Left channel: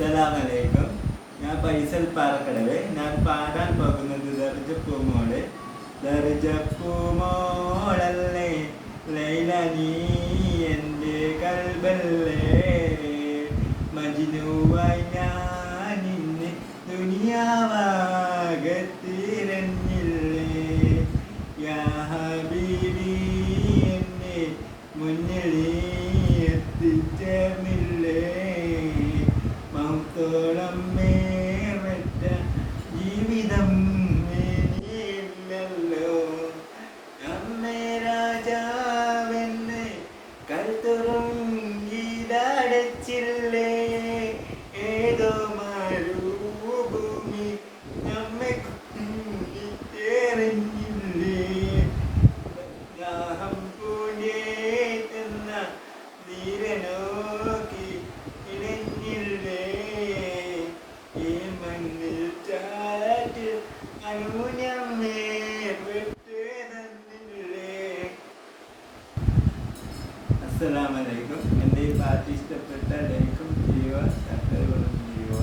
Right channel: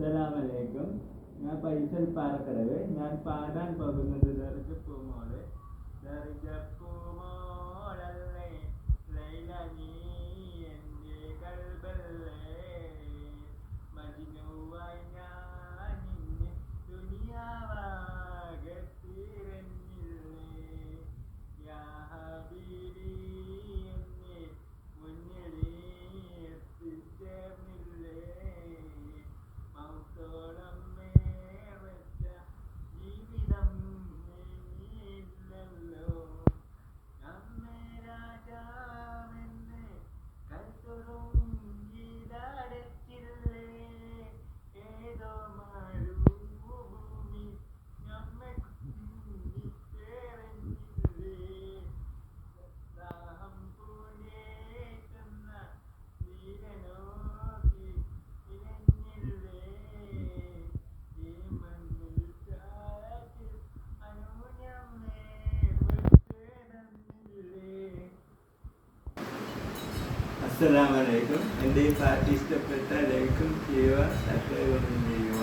അസ്സലാമലൈക്കും. ഞാൻ ഫൈസൽ പാറക്കടവ്. ഞാൻ പാടാൻ പോകുന്നത് ദർജപ്പൂമോള്. ദർജപ്പൂമോളല്ലേ ലൈല, നീ എൻ്റെ കൽബല്ലേ. മജ്നുവായി ഞാൻ ഇന്ന് ദുനിയാവാകത്തിരഞ്ഞില്ലേ. യാ ഹബീബി, എന്നെ മുന്നിൽ എത്തിച്ചേർന്നില്ലേ. മൗത്തോളം മേററ്റ ജീവിതം ഇനിയില്ലല്ലോ. നമ്മെ രാജാവെന്ന് കൽത്തുറുങ്കിലടച്ചില്ലേ. ഏതോ മരുഭൂമി നമ്മെ കുത്തിയെറിഞ്ഞില്ലേ. ദാഹം പൂണ്ടേറ്റുന്ന തീരനോക്കി ഇടഞ്ഞില്ലേ. ഈ മണ്ണിൽ ചാറ്റ് അനുഞ്ഞമ്മേ പെട്ട് തന്നില്ലേ. അസ്സലാമലൈക്കും. എൻ്റെ ഈ പാട്ട് ഇഷ്ടപ്പെട്ട ലൈക്കും ചെയ്യുക, സബ്സ്ക്രൈബും ചെയ്യുക.